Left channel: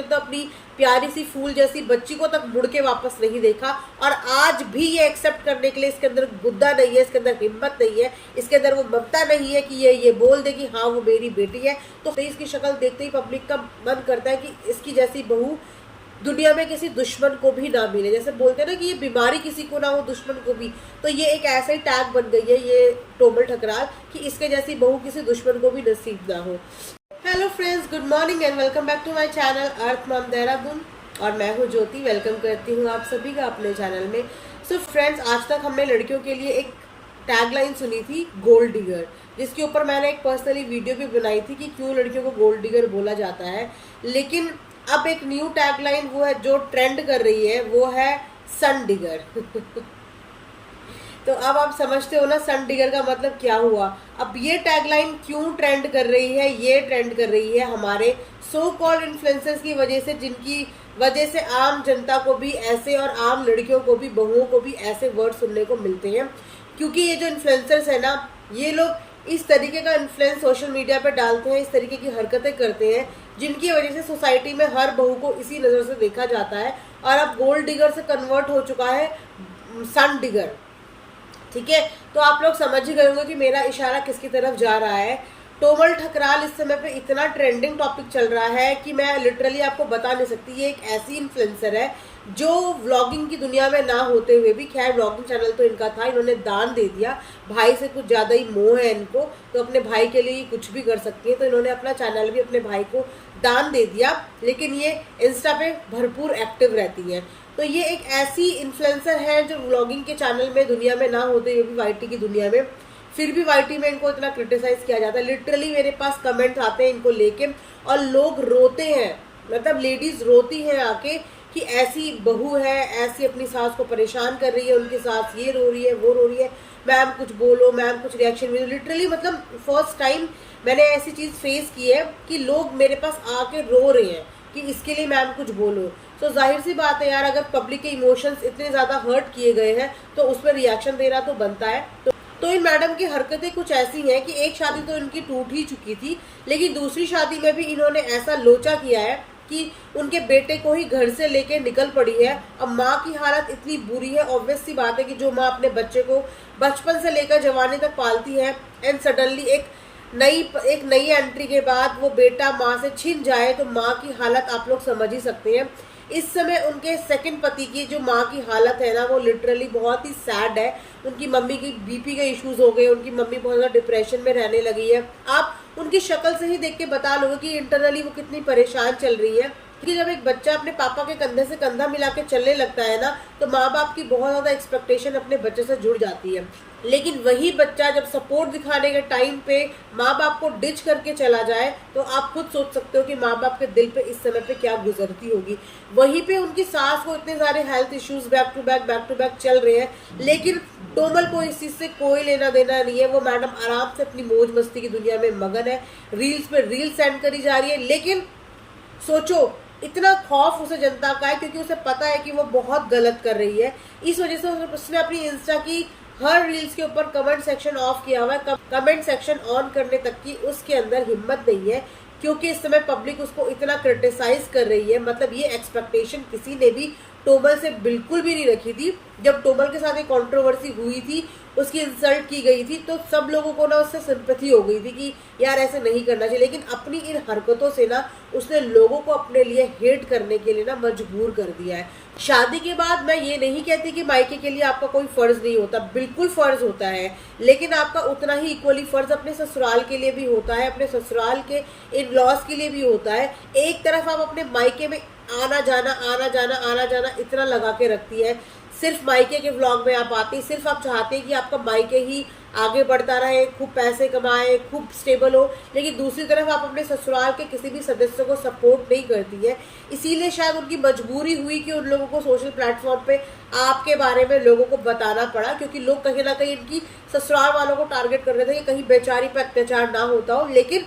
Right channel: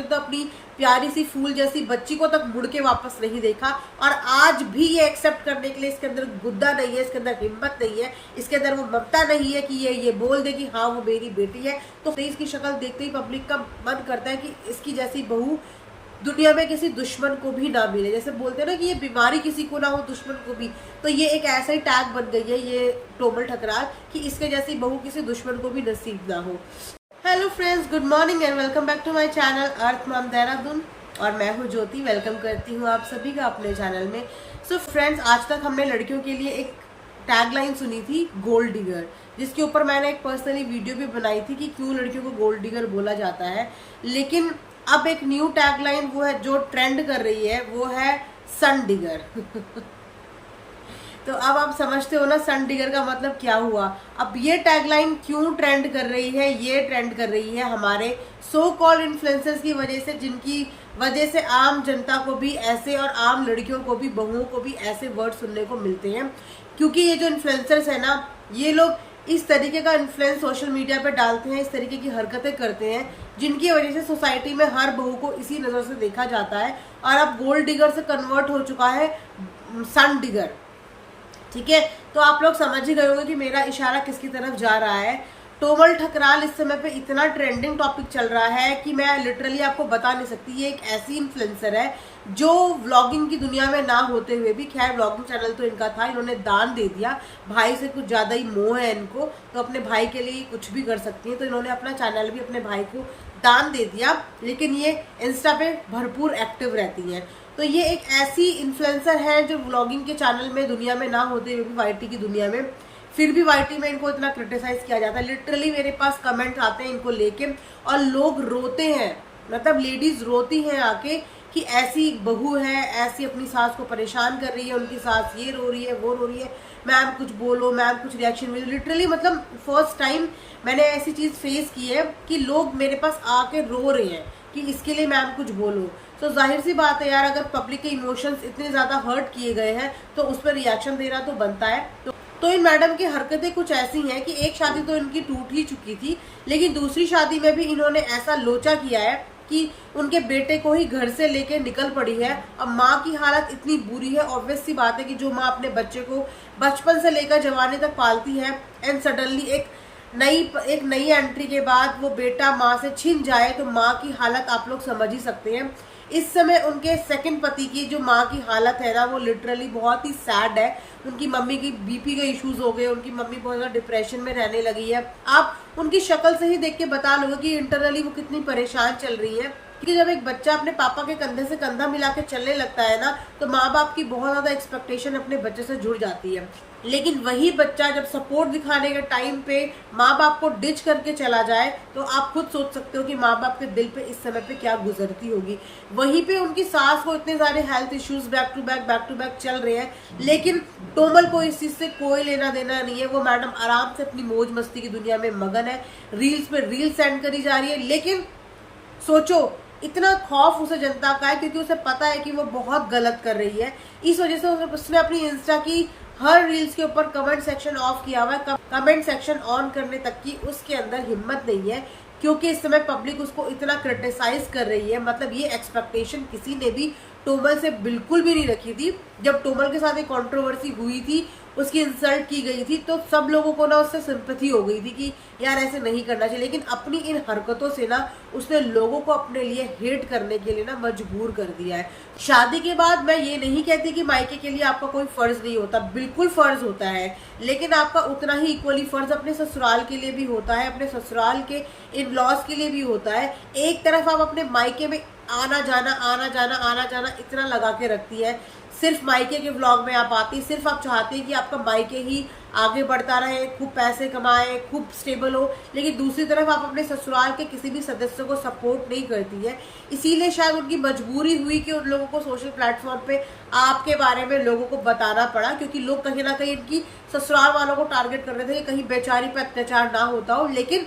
ने तो अपनी प्यारी सी फूल जैसी बच्ची को तक मुड़ के वापस नहीं देखा, और आज भी ये एक्सेप्ट करने के लिए इसके अंदर गुद्दा नहीं है, इसके अंदर हिम्मत नहीं है, इसके अंदर वो ममता नहीं है कि ये बोल दे कि हाँ वो मेरी बेटी है। तो इसकी शक्ल देखते ही पब्लिक का मन करता है कि इसकी जैसी बहू दुनिया में किसी दुश्मन को भी ना मिले। जैसे बोलते हैं ना कि ये बीमारी किसी को ना हो, दुश्मन को भी, तो ये एक ऐसा ही टैग बन गई है ये टोमल ठकराल कि इसके जैसी बहू किसी दुश्मन को भी नसीब ना हो। Hello friends, good morning and welcome back to my channel earth mom Dehradun, और मैं हूँ ज्योति। वेलकम करती हूँ आप सभी का अपने चैनल में। सो फ्रेंड्स, आज तक हमने लड़कियों के लिए एक टैगलाइन सुनी थी गोल्ड डिगर, जिसके ऊपर मैंने एक पर्सनली वीडियो भी बनाई थी कि क्यों लड़कियों को गोल्ड डिगर बोला जाता है। लेकिन अब एक न्यू टैगलाइन वो है जो ट्रेंड कर रही है, वो है सन डिगर। तो अब आप समझते हो ना सन डिगर का मतलब क्या हुआ। अब ये टैगलाइन क्यों ट्रेंड कर रही है? ये ट्रेंड कर रही है हमारे सो कॉल्ड इन्फ्लुएंसर्स की वजह से, जिनकी वजह से आम जनता को भी ऐसे और आम लड़कियों को भी, बहुओं को भी ऐसे वर्ड सुनने को मिलते हैं। क्योंकि ये जो इन्फ्लुएंसर्स है ना, ये लोग इस तरीके का इन्फ्लुएंस सोशल मीडिया पे डालते हैं, इस तरीके की हरकतें करते हैं, जिनकी वजह से सोसाइटी में हर बहू को इसी नजर से देखा जाता है। और अब गोल्ड डिगर से कन्वर्ट हो चुका है सन डिगर। ठीक है, तो आप लोग समझ ही गए होंगे कि मेरा इशारा किसकी तरफ जा रहा है। टोमल ठकराल इस समय पे इतना ट्रेंडिंग टॉपिक चल रहा है कि मैं लिटरली आपको बता नहीं सकती। ये एक ऐसी इन्फ्लुएंसर है जो व्लॉगिंग की दुनिया में ना होते हुए भी, खैर व्लॉगिंग चैनल तो इनका था, इन्होंने दान दे दिया, भाई से कुछ ज्यादा ही मोह है इनको, तो अपने भाई के लिए कुछ भी कर सकती है, तो इन्होंने अपना चैनल भी अपने भाई को दान दे दिया। लेकिन ये इंस्टा पे भरपूर एक्टिव रहती है। तो ये एक ऐसी इन्फ्लुएंसर है जो व्लॉगिंग के चैनल में दुनिया में ना होते हुए भी वाईटी की दुनिया में, फिर भी वाईटी में इनको इतना क्रिटिसाइज किया जाता है। लिटरली मेरे पास कमेंट्स आते हैं इनको लेके, और लोग रोते हैं, मतलब लेडीज रोती हैं आके कि ऐसी बहू है, ऐसी अपनी सास को परेशान कर रही है, उनकी सास ये रो रही है, वो रो रही है, मैम कुछ बोलो, मैम कुछ रिएक्शन मिलो। लिटरली मतलब फर्स्ट टाइम मैंने ऐसी चीज फेस की है कि लोग मेरे पास आके रो रहे हैं कि इसके लिए मैम कुछ बोलो। तो जाहिर सी बात है यार, अगर पब्लिक के इमोशंस इतने ज्यादा हर्ट किए गए हैं तो उस पर रिएक्शन देना तो बनता है। तो इन मैडम की हरकतें कुछ ऐसी हैं कि एक शादी तो इनकी टूट ही चुकी थी, लेकिन दूसरी शादी में भी इन्होंने ऐसा लोचा किया है कि उनके बेटे को ही घर से लेके निकल पड़ी है। अब माँ की हालत इतनी बुरी है, ऑब्वियस सी बात है कि जो माँ अपने बच्चे को बचपन से लेकर जवानी तक पालती है, एंड सडनली एक नई एंट्री के बाद वो बेटा माँ से छिन जाए, तो माँ की हालत आप लोग समझ ही सकते हैं। इस समय उनके सेकंड पति की जो माँ की हालत है ना, वो लिटरली बहुत ही सैड है। उनकी मम्मी की बीपी के इश्यूज हो गए, उनकी मम्मी बहुत ज्यादा डिप्रेशन में रहने लगी है। आप उनकी शक्ल से ही देख के बता लोगे कि इंटरनली वो कितनी परेशान चल रही है। कि जब एक बच्चा अपने पापा के कंधे से कंधा मिला के चलने लगता है ना, तो माँ बाप की बहुत ज्यादा एक्सपेक्टेशन अपने बच्चे से जुड़ जाती है। लेकिन वही बच्चा जब सपोर्ट दिखाने के टाइम पे माँ बाप को डिच करके चला जाए, तो आप खुद सोच सकते हो कि माँ बाप के दिल पे इस समय पे क्या गुजरती होगी। वहीं पे उनकी सास को इतने सारे health issues back to back चल रहे हैं, लेकिन टोमल को इस चीज से कोई लेना देना नहीं है। वो मैडम आराम से अपनी मौज मस्ती की दुनिया में मगन है, रील्स पे रील सेंड करी जा रही है। लेकिन सोचो, इतना खौफ उसे जनता का है क्योंकि उसे पता है कि वो बहुत गलत कर रही है। इस वजह से उसने अपनी इंस्टा की हर रील्स के ऊपर कमेंट सेक्शन ऑफ किया हुआ है। कमेंट सेक्शन ऑन करने तक की उसके अंदर हिम्मत नहीं है, क्योंकि इस समय पब्लिक उसको इतना क्रिटिसाइज कर रही है। मतलब ये एक्सपेक्टेशन किसी ने भी टोमल से बिल्कुल भी नहीं रखी थी। जब टोमल के साथ एक कंट्रोवर्सी हुई थी, उसकी इंसल्ट की गई थी, तो सब लोगों को ना उससे सिंपैथी हो गई थी कि यार ऐसे नहीं करना चाहिए। लेकिन अपनी इन हरकतों से ना उसने लोगों को अपने लिए हेट करने के लिए ना मजबूर कर दिया है। शादी के बाद मैं ये नहीं कहती कि मायके के लिए आपका कोई फर्ज नहीं होता, बिल्कुल फर्ज होता है, लेकिन आपका उतना ही इक्वली फर्ज अपने ससुराल के लिए भी होता है, अपने ससुराल के इन लॉज के लिए भी होता है। एक तरफ आप अपने मायके में आना जाना इतना लगा के रखती है, सिर्फ मायके के व्लॉग में आप आती, सिर्फ आप चाहते हैं कि आपका मायके ही आगे बढ़ता रहे, खूब पैसे कमाए, खूब स्टेबल हो, लेकिन दूसरी तरफ आप अपने ससुराल के किसी भी सदस्य को सपोर्ट नहीं करती है। इसीलिए शायद उनकी मजबूरी हुई कि उन लोगों को सोशल प्लेटफॉर्म पे आपके बारे में लोगों को बताना पड़ा, क्योंकि लोग कहीं ना कहीं इनकी ससुराल वालों को टारगेट कर रहे थे कि कहीं बेचारी पे अत्याचार ना होता हो। लेकिन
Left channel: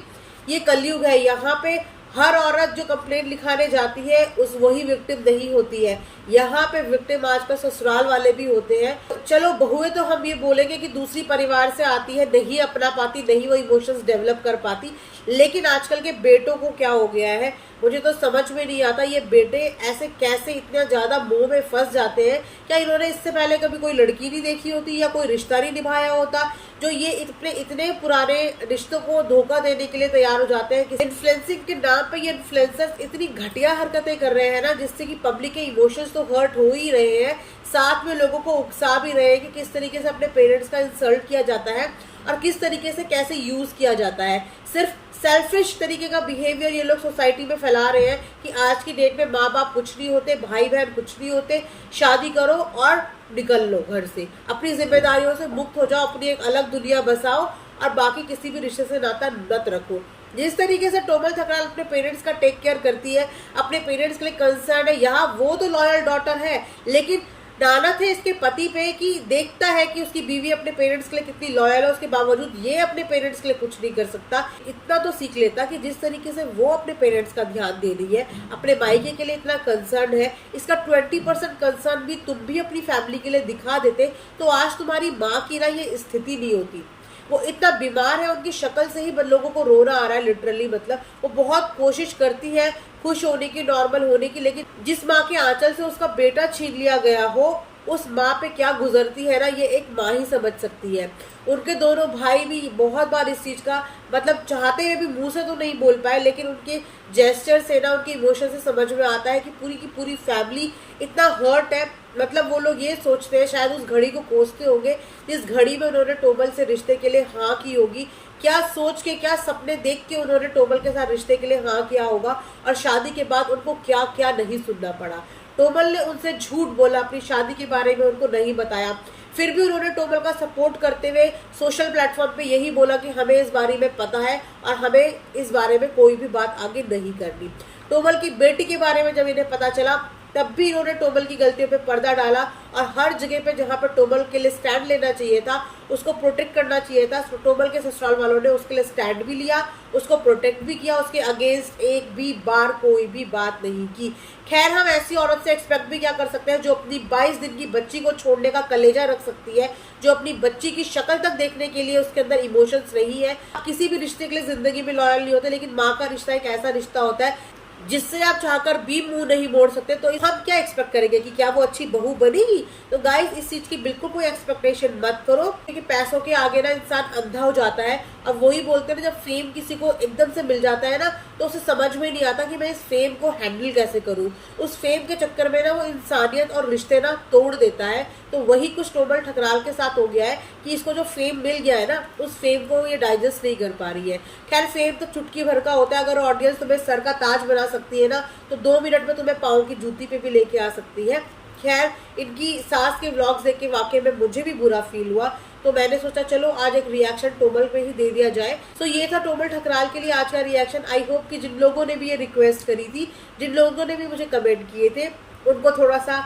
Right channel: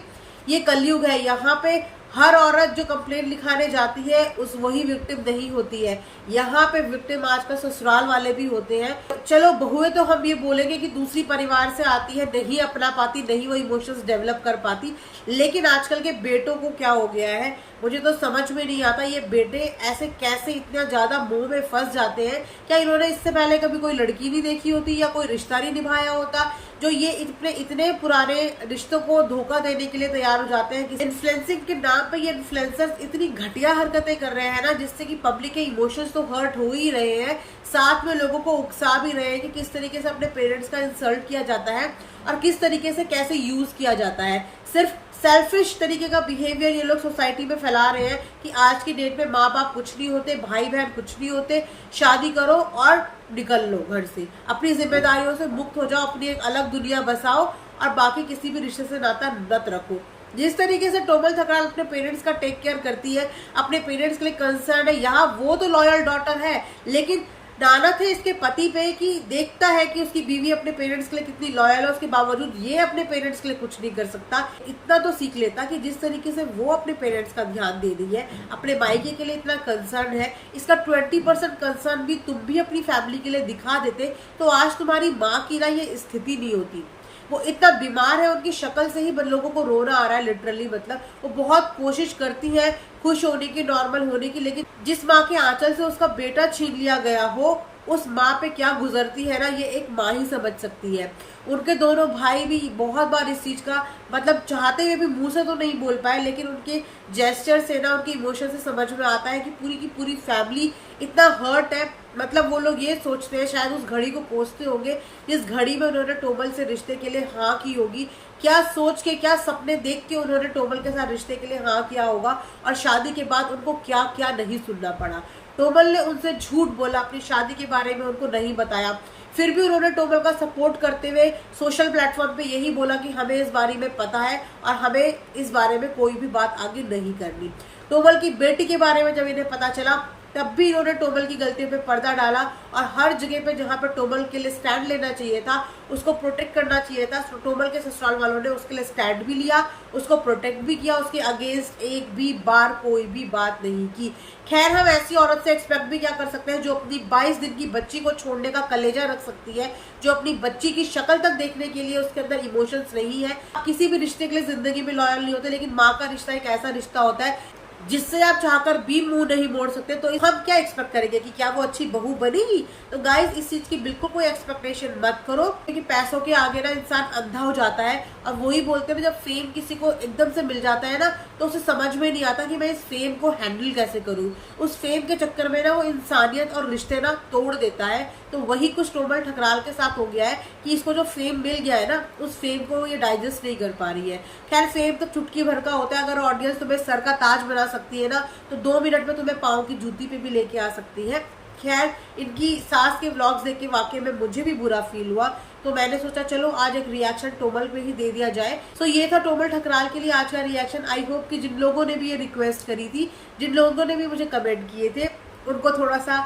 ये कलयुग है, यहाँ पे हर औरत जो कंप्लेंट लिखाने जाती है उस वही विक्टिम नहीं होती है। यहाँ पे विक्टिम आजकल ससुराल वाले भी होते हैं। चलो बहुएं तो हम ये बोलेंगे कि दूसरी परिवार से आती है, नहीं अपना पाती, नहीं वो इमोशंस डेवलप कर पाती, लेकिन आजकल के बेटों को क्या हो गया है, मुझे तो समझ में नहीं आता ये बेटे ऐसे कैसे इतना ज्यादा मोह में फंस जाते हैं। क्या इन्होंने इससे पहले कभी कोई लड़की नहीं देखी होती या कोई रिश्ता नहीं निभाया होता जो ये इतने पुराने रिश्तों को धोखा देने के लिए तैयार हो जाते हैं। इन्फ्लुएंसिंग के नाम पे ये इन्फ्लुएंसर्स इतनी घटिया हरकतें कर रहे हैं ना, जिससे कि पब्लिक के इमोशंस तो हर्ट हो ही रहे हैं, साथ में लोगों को उकसा भी रहे हैं कि किस तरीके से अपने पेरेंट्स का इंसल्ट किया जाता है और किस तरीके से कैसे यूज किया जाता है। सिर्फ सेल्फिश तरीके का बिहेवियर ये लोग सोसाइटी में फैला रहे हैं कि आज की डेट में माँ बाप कुछ नहीं होते, भाई बहन कुछ नहीं होते, शादी करो और निकल लो घर से, अपनी जिम्मेदारियों से मुक्त हो जाओ, अपनी एक अलग दुनिया बसाओ और बाकी किसी भी रिश्ते से नाता मत रखो। जिस तरीके से टोमल ठकराल अपने पेरेंट्स का टेक केयर करती है, अपने पेरेंट्स के लिए कंसर्न है, यहाँ वो तो लॉयल डॉटर है, लेकिन नानत है इसके पति पे कि देखता है कि उसकी बीवी अपने पेरेंट्स के लिए कितनी लॉयल है, उसके बावजूद ये अपने पेरेंट्स के लिए कुछ नहीं कर सकता। इतना तो सीख लेता कि जिस तरीके से वो अपने पेरेंट्स का ध्यान दे रही है, अपने मायके के लिए इतना कंसर्न है, इसका 20% कंसर्न भी तुम भी अपनी फैमिली के लिए दिखा देते तो आज तुम्हारी माँ की ना ये स्थिति नहीं होती। वो इतना बीमार है, उनकी शक्ल से ही लोगों को रोना आ रहा है लिटरली। मतलब वो बहुत कोशिश करती है खुश होने की, नॉर्मल होने की, लेकिन जिस माँ के आंचल से उसका बेटा छीन लिया गया हो उस माँ पे क्या गुजरती है ना, ये एक माँ ही समझ सकती है। उनके दोनों भाई भी बहुत बार इस चीज का मतलब चाहते हुए भी मुंह से तो नहीं बोल पाए, लेकिन उनके जेस्चर से ना, उनके इमोशन से समझ में आता है कि पूरी की पूरी फैमिली इतना हर्ट है। मतलब वो लोग ये सोचते हैं, शायद उस घड़ी को कोसते होंगे जिस घड़ी में उन्होंने टोमल से रिश्ते के लिए हाँ की होगी, क्या सोच के, क्या सपने देख के उन्होंने टोमल के साथ रिश्ते के लिए हाँ किया होगा और शादी के बाद उनको क्या क्या नहीं सुनना पड़ा। टोमल ने उनसे झूठ बोला, अपनी शादी के बारे में उनको नहीं बताया, फिर भी उन्होंने टोमल का सपोर्ट करते हुए सोशल प्लेटफॉर्म पे यही बोला कि हमें इस बारे में पता है और हमें इस बारे में कोई भी बात आगे नहीं करनी। टोमल की बेटी के बारे में जब इन्हें पता चला तब भी इन्होंने टोमल की गलतियों पे पर्दा डाला और हर जगह पे जहां पर टोमल के लिए स्टैंड लेना चाहिए था, उसको प्रोटेक्ट करना चाहिए था, टोमल के ससुराल वालों ने उसके लिए स्टैंड भी लिया, उसको प्रोटेक्ट भी किया, उसके अगेंस्ट एक भी बार कोई भी बात नहीं की। खैर, हम ऐसी औरत से एक्सपेक्ट भी क्या कर सकते हैं जो अपनी 22 दिन की बच्ची को छोड़ने का कलेजा रख सकती है, जो अपनी बच्ची की शक्ल तक देखने के लिए उसके अंदर इमोशंस नहीं है। किसी भी रिश्ते के लिए जिंदगी में लॉयल नहीं होते, लेकिन माँ का रिश्ता एक ऐसा रिश्ता होता है जिससे आप चाहकर भी मुंह नहीं मोड़ सकते। तो हम क्या एक्सपेक्ट करेंगे कि क्या वो अच्छी बहू बनेगी? तो गाइस, इस चीज की बिल्कुल कोई एक्सपेक्टेशन मत करो, क्योंकि पैसों के आगे ना इंसान अंधा हो जाता है। अब वही बोलते हैं ना, जब फेम किसी को एकदम से मिल जाता है ना तो उसे समझ में नहीं आता कि मैं इस फेम को हैंडल कैसे करूं। उस फेम के चक्कर में ना वो इंसानियत और रिश्ते ना तोड़ देता है। तो वही कुछ टोमल ठकराल के साथ हो गया है कि इसको जो फेम मिल गया है ना, उस फेम को ये डाइजेस्ट नहीं कर पा रही है। खैर, फेम तो चुटकी भर का होता है। अगर ऑडियंस तुम्हें सर का ताज बना सकती है ना, तो 2 मिनट में तुम्हें पाँव की जूती पे भी लेके आ सकती है। खैर, इनकी सास के व्लॉग्स देख के वाकई में मुझे भी बुरा फील हुआ, तो मैंने सोचा चलो आज एक रिएक्शन टोमल पे ही दे दिया जाए। सो ये था टोमल ठकराल के लिए आज का रिएक्शन। आई होप कि जिन लोगों ने भी ये रिक्वेस्ट करी थी, जिन लोगों ने भी मुझे कमेंट किए थे, उनको थोड़ा सा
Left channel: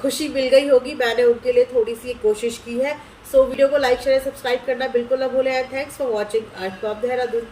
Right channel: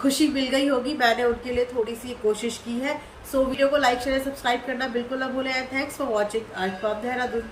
खुशी मिल गई होगी। मैंने उनके लिए थोड़ी सी कोशिश की है। सो वीडियो को लाइक शेयर सब्सक्राइब करना बिल्कुल ना भूलें। And thanks for watching. आज फ्रॉम देहरादून।